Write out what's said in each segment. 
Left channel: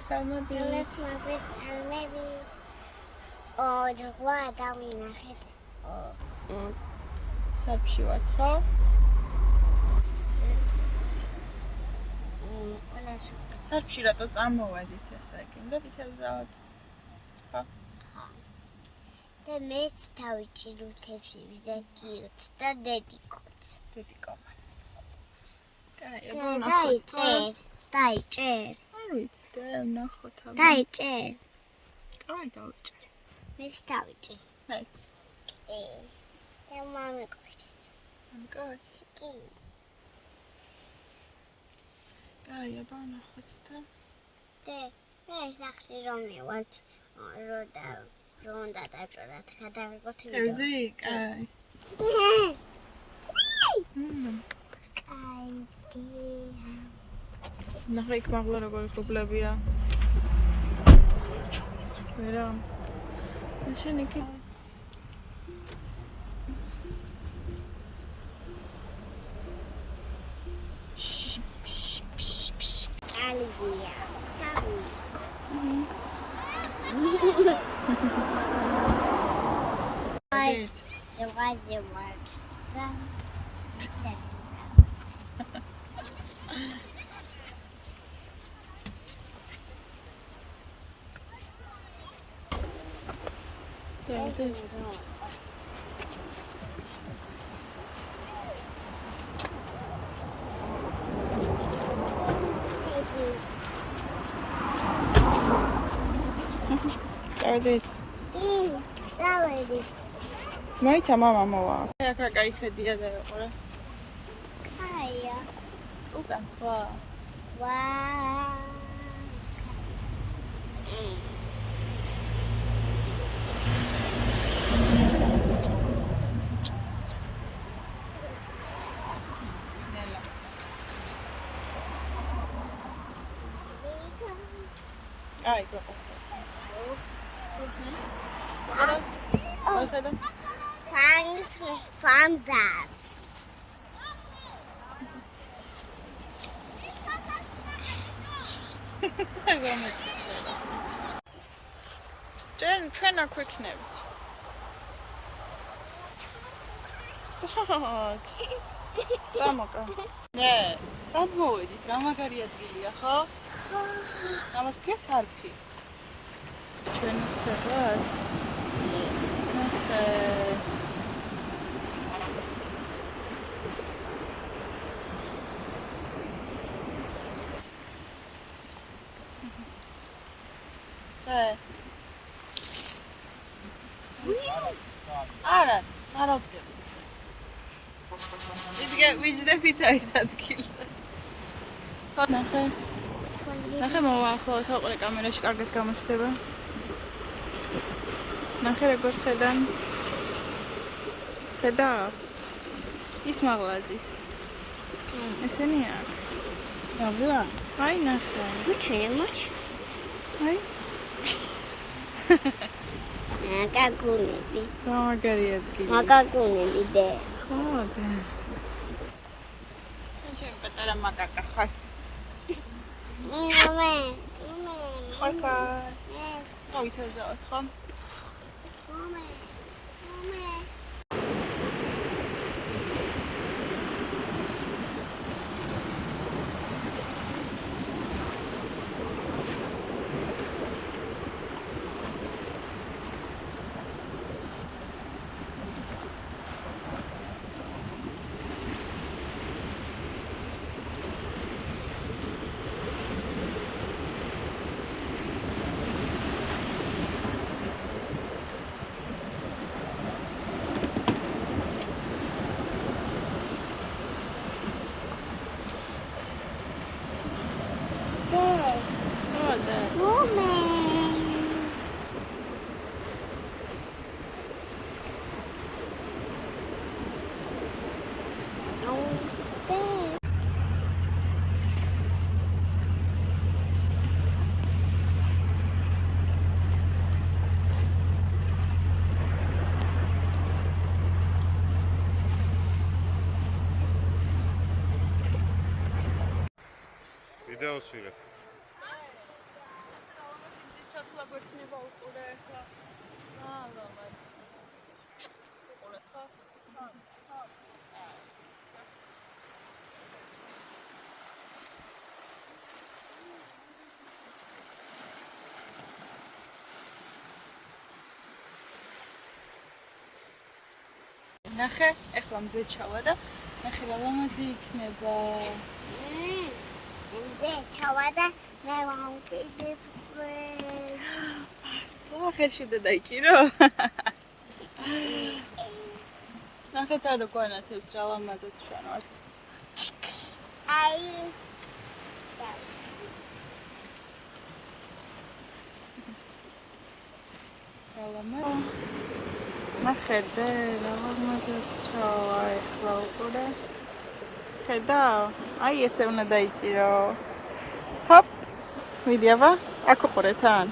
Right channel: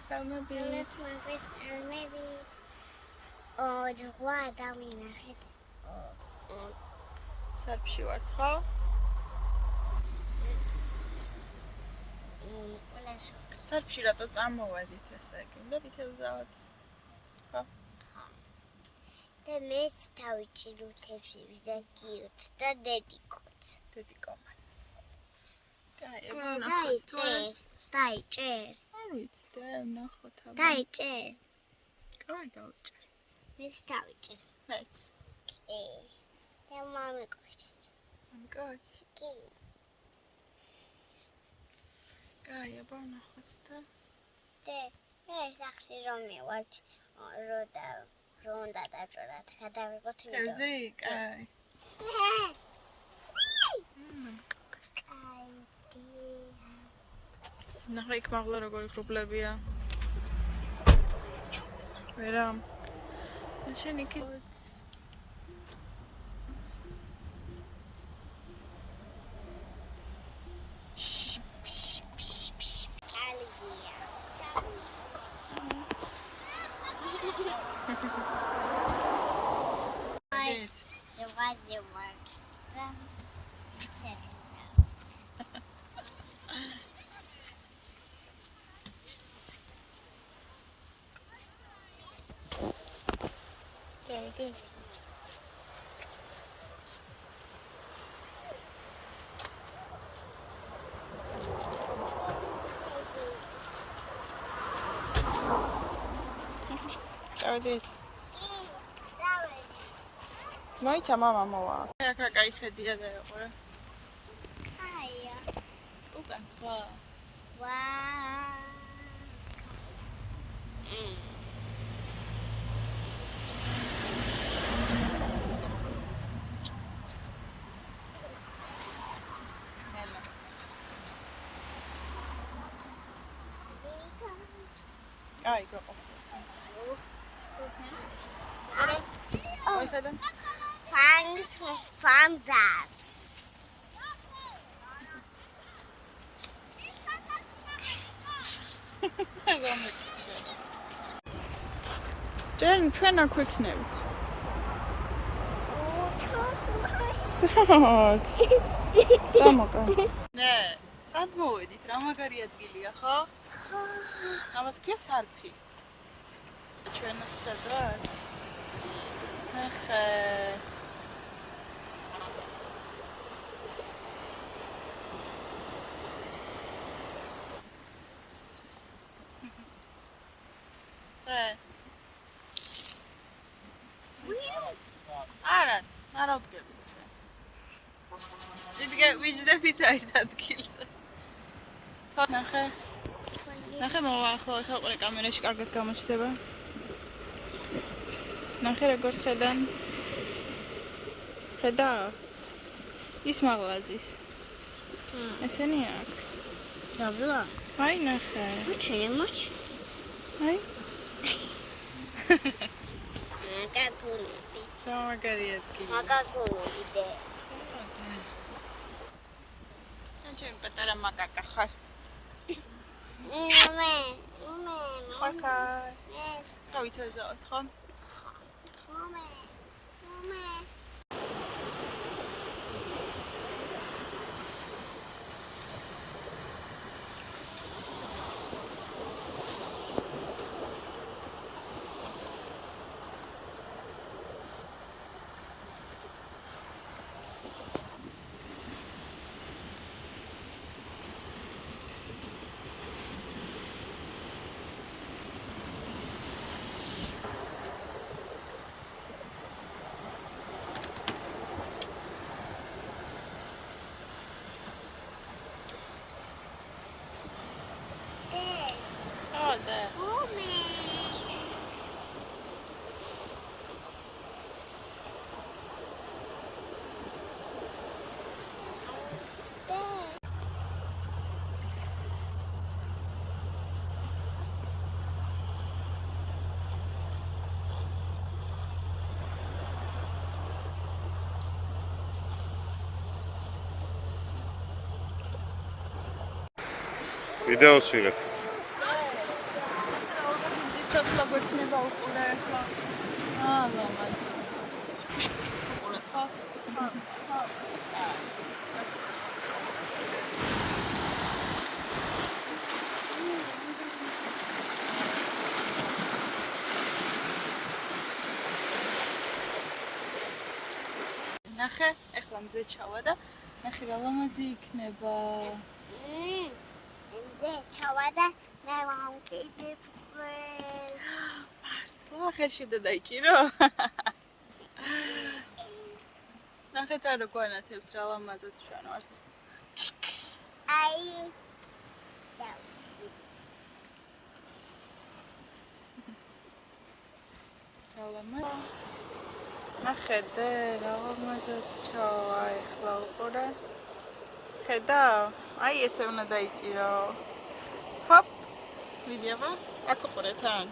მოგესალმებით. ჯგვა დავინახეთ. სარფში ვართ, ხო? სარფში რატო წამოვედით ესე იგი? უნდა ვითევზავთ. ხო? და მეც დავიჭირუთებში ვიზაკიოთ და დედიკოც. დედიკომაც. კაი, დაიჭერ. არ ვიცი, ვნახოთ აბა. დაიჭერ. კაი, დავიჭერ. მეც დავიჭერ. მეც. და მამიკოჩ. მამიკოჩ. კი. კაი, აბა ვნახოთ და. ეს ახში რომ მივართ, რომ უნდა დაჭერათ, გადავიღოთ ვიდეო. ევზი, კაი. კაი. ნახე იქ მაღლა როგორი ხრუბლებია. ვერა. შენ იქით ალგია. სამი. აი, ზღვაზე. წავედით. დავედით. მოიცა მამა მოვა. აქ რა კაი ხედია და ეყურე. კაია. უკან სხვა. ვაა. აი, გიყო. აი, ხედა. Fandas. ჩვენ აქ ვიქნებით. სად? წამოკა. ნე, სად მოვედით? რა მაგარი ადგილია, ხო? ხო. ამას ქვია სარფი. ჩვენაც სადღაც. ნახე. არა ვდგებით ჩვენ. ვიჯდებით ერთ ადგილზე. ნახე. ნახე მოვა ახლა ყურე კამერაში კარგად გამოჩნდება. ნახე როგორ ხედან. ხედა? ის მაღლაზის. ესენია? დაბლა. აი ნახე. მოჩემოჩ. აი. მაგაგუნები. რა მაგარი ადგილი. მაგაგუნები და. ხო და. ჩემ პატარა მაგაკა ხარ. მამე. ხარკა. გავითაზავთ ხო? მამე. ვიდეოს ვიღებ. ჩასვლა გვექნება უყურე ახლა. ლამაზი. უყურე ხო? ნახე, ახლა მზე ჩავა და ნახე რა ლამაზი იქნება. ჩავადა მე ვამკიდებ. მართლა ხელში და დაიჭირო. ნახეთ არ გვანათებს რა ლამაზად ჩვენ ვართ. აი რა ლამაზი. ნახეთ რა ლამაზად ჩავა ახლა უყურე. ხედავ? აი ესე უნდა დაიჭირო. ჰოპ. ვიდი აბა? აქ უყურე თან.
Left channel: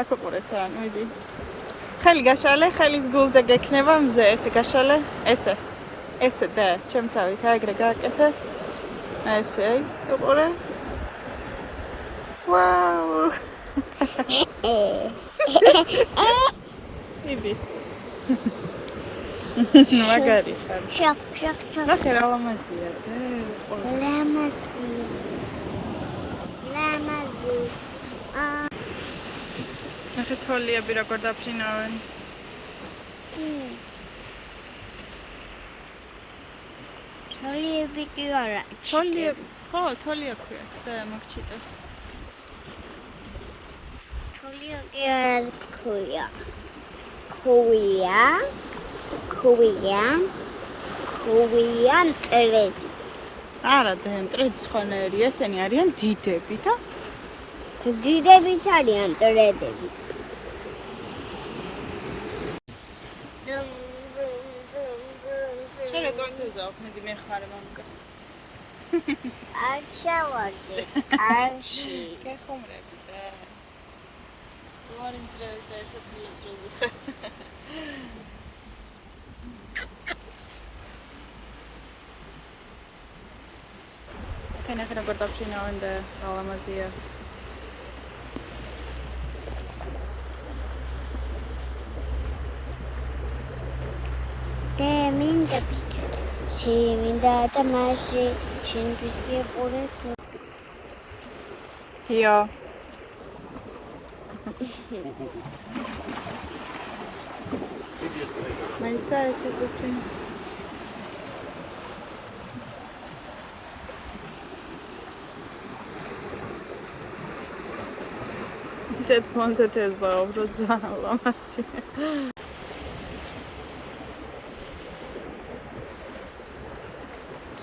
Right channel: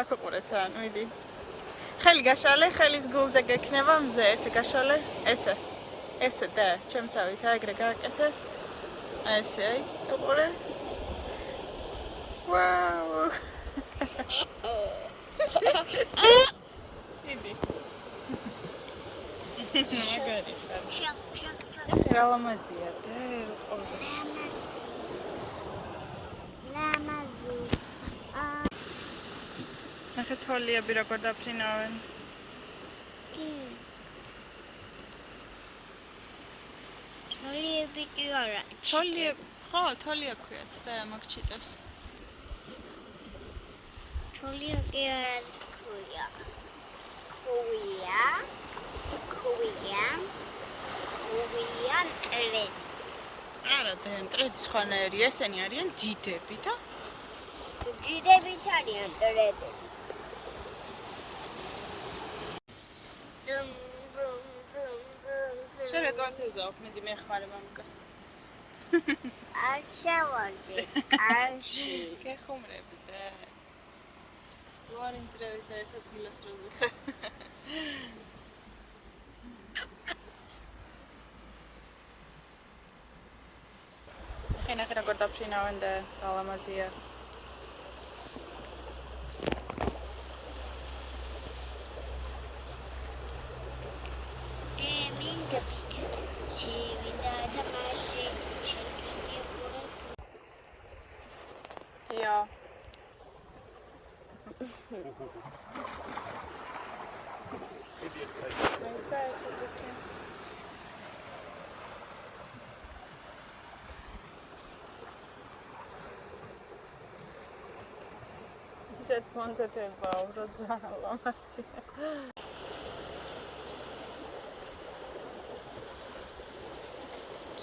აქ უყურე თან, ვიდი. ხელი გაშალე, ხელის გულზე გექნება მზე, ესე გაშალე, ესე. ესე და ჩემსავით აგრე გააკეთე. ესე, აი, უყურე. ვაუ. იბი. მაგარი ხარ. შოქ. ნახე რა ლამაზია და უყურე. ლამაზი. ნახე თოლიები როგორ დაფრინავენ. თოლიები კი არა. თოლიები, ხო, თოლია ქვიათ და მაგჩიტებს. თოლიები არა ქვია. ქვია მტრედი. არა, და მტრედი სხვანაირი, ესენი არიან დიდები და დიდებიც არიან მტრედებიც. შენ რა თქმა მე მეხმარე მამიკას. არ შევარდი, არში. გეხუმრები და ვარინძრევი და ერთად მილას როზუხე. ნახე როგორ დაფრინავენ და რა ლამაზია. მინდა და მასში შენთვის გიყურე. იო. მაიცა ეცეცი. ისეთ ფონზე თეზაობ, რო ძალიან ლამაზია.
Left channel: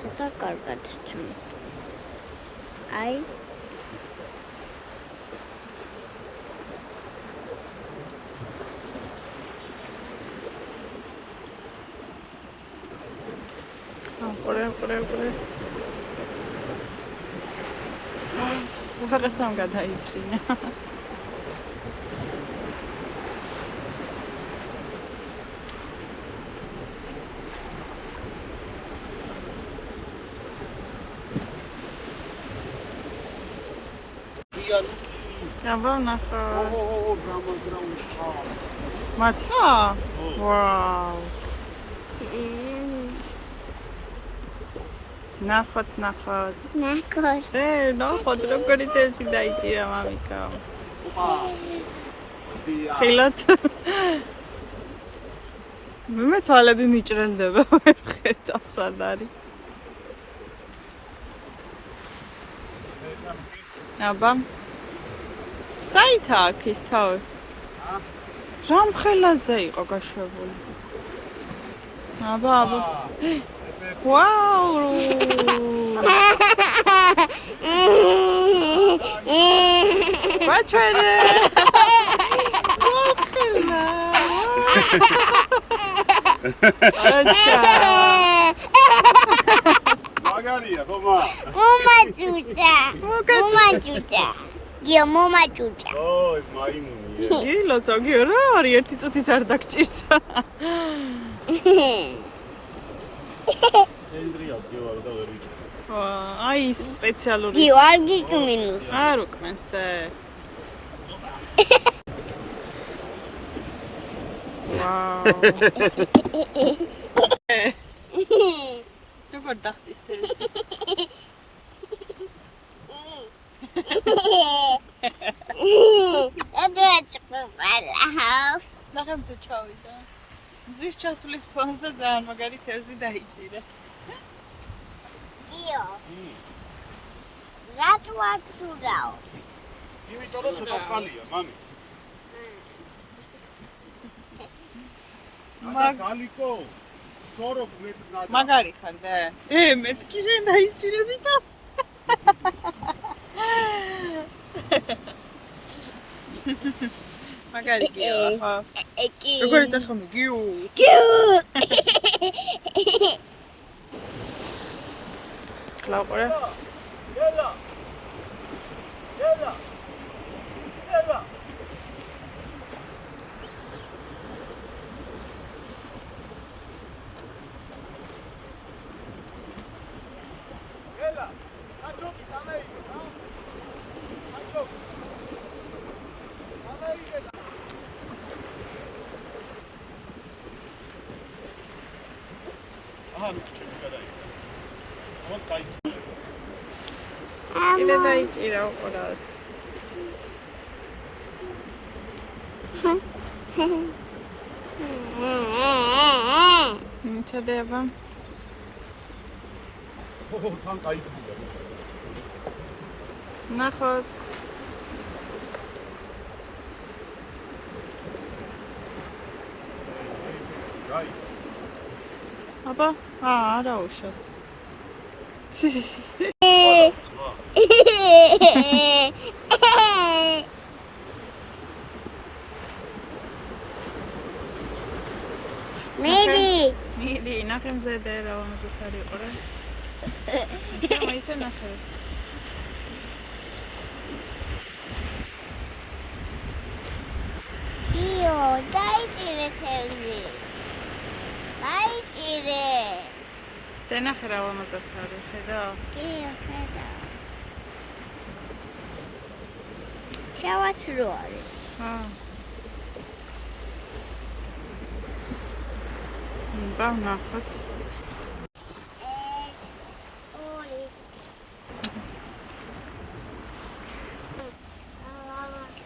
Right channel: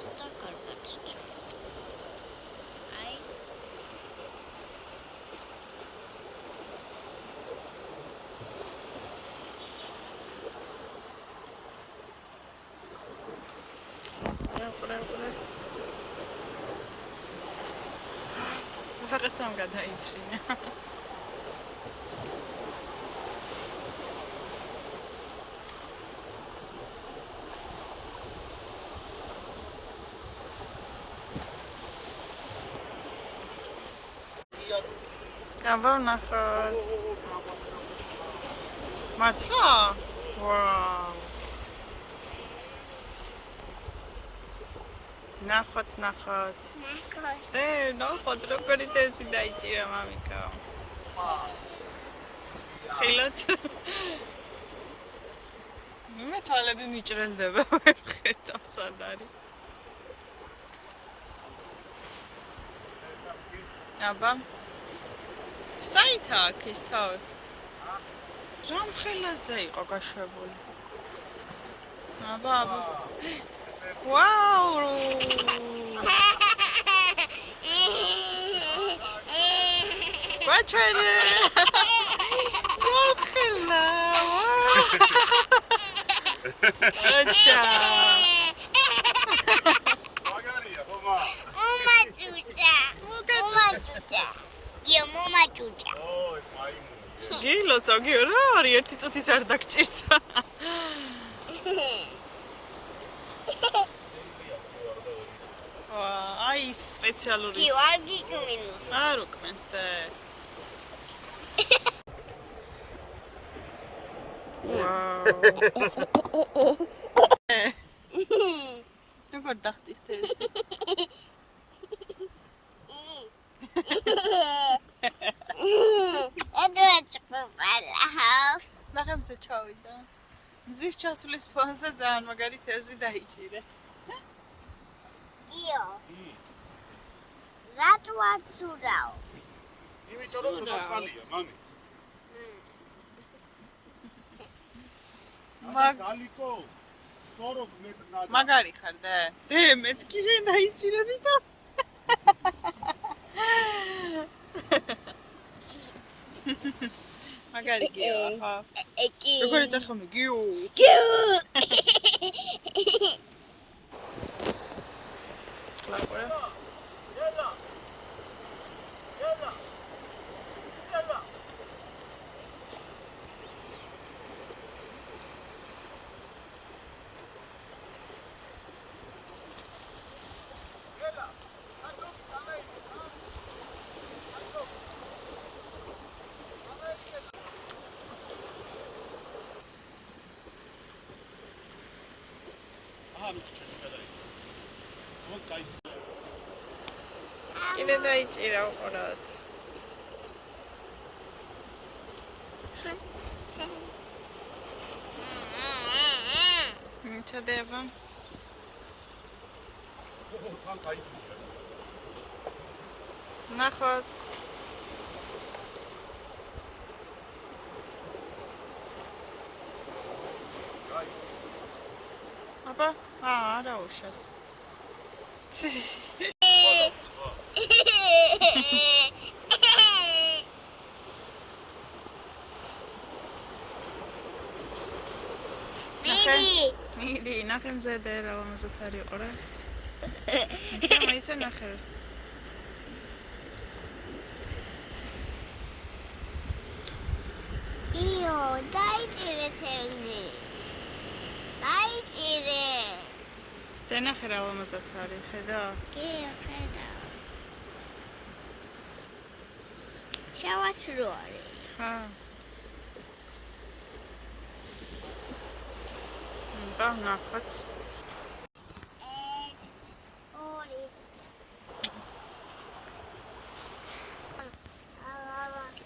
ცოტა კარგად ცმის. აი უყურე. რაღაცამ გადაიწინა. აბა ნახოთ. მართლა? ვაუ. ნახოთ. ნახოთ როგორი თევზი დაიჭირა მამიკამ. ხილოთ. მე თვალები მიჭრელდება ვერ ხედავ სად არის. აბა საითა აქ ის თავი? რა მხელაზე იყო გაშვებული? აბა. ვაუ! ბაჩერე! მოხელა! აჩა! მაგარია, ხომა? მომაჭუჭა. გიო მომაჭუჭა. ეს მაიმუნია. გილო ზოგიო რა არის ერთი წუთიც არ დაგჭირდა. ცენტრია გიო და ვერი. აი სპეციალური. გიო არ გიკმინუს. არ უკმენს და ვაუ. როგორ დახტის თეზე? ნახე მზე ჩავიდა. მზის ჩასulis ფონზე ძალიან მაგარი თევზი დაიჭირე. იო. რატო არ ცუდაო? იმიტომ რომ ცოტა წყალია, მამი. გალიკო. სორო მეტ მაგარი ხარ და? მეთქი შენ დაიჭირები და. მაგარი გიო, ხო. ეკი. როგორ ეძახმე გიო? კლაუყურე. კიდე დაიჭირა უყუროთ. ჩადება. თან დაიჭირა. ნახოთ. აბა, არა უშავს. მიდი, ნახე მზედე რა ამაზეთ არის ყურე. ისე ნახე. იო, დაიჭირე თევზი. დაიჭირე. და ნახე რა ამაზეთ არის, ხედავ? გიო, ხედავ. შავაცრო არის. ხა. ნახოთ.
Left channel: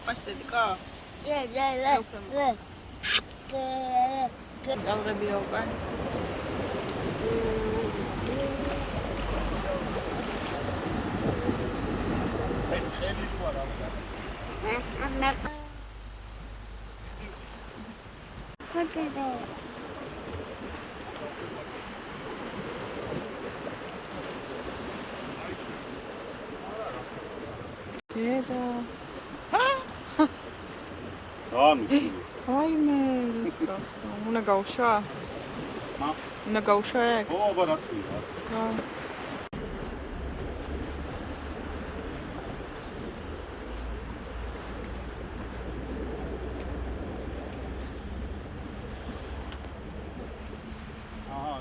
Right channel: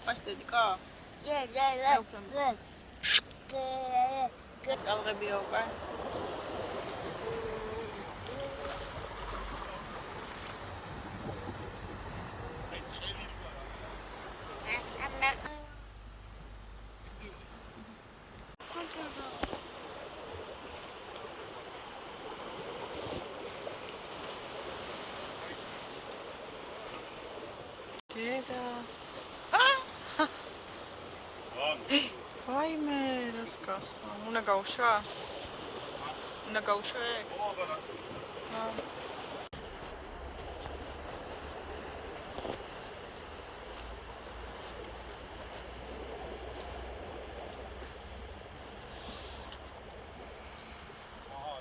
პასტედიკა? ალღებია უკან. დედა. ძალიან მიხილო. ვაიმე, რას გასვა? უნდა გავუშვა? მა? უნდა გავუშვა ეგ? ო, აბა რა თქმა. რა.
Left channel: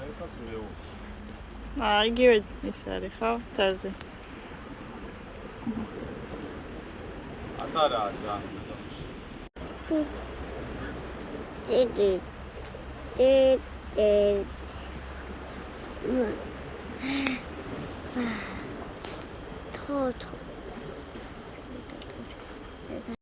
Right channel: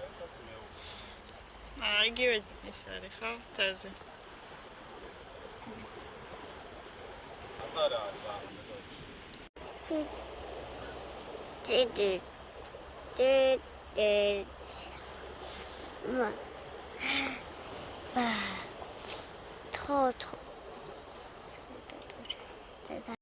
ესაც მეო. იგივე ის არის, ხო? თევზი. ატარაა ძალიან. თო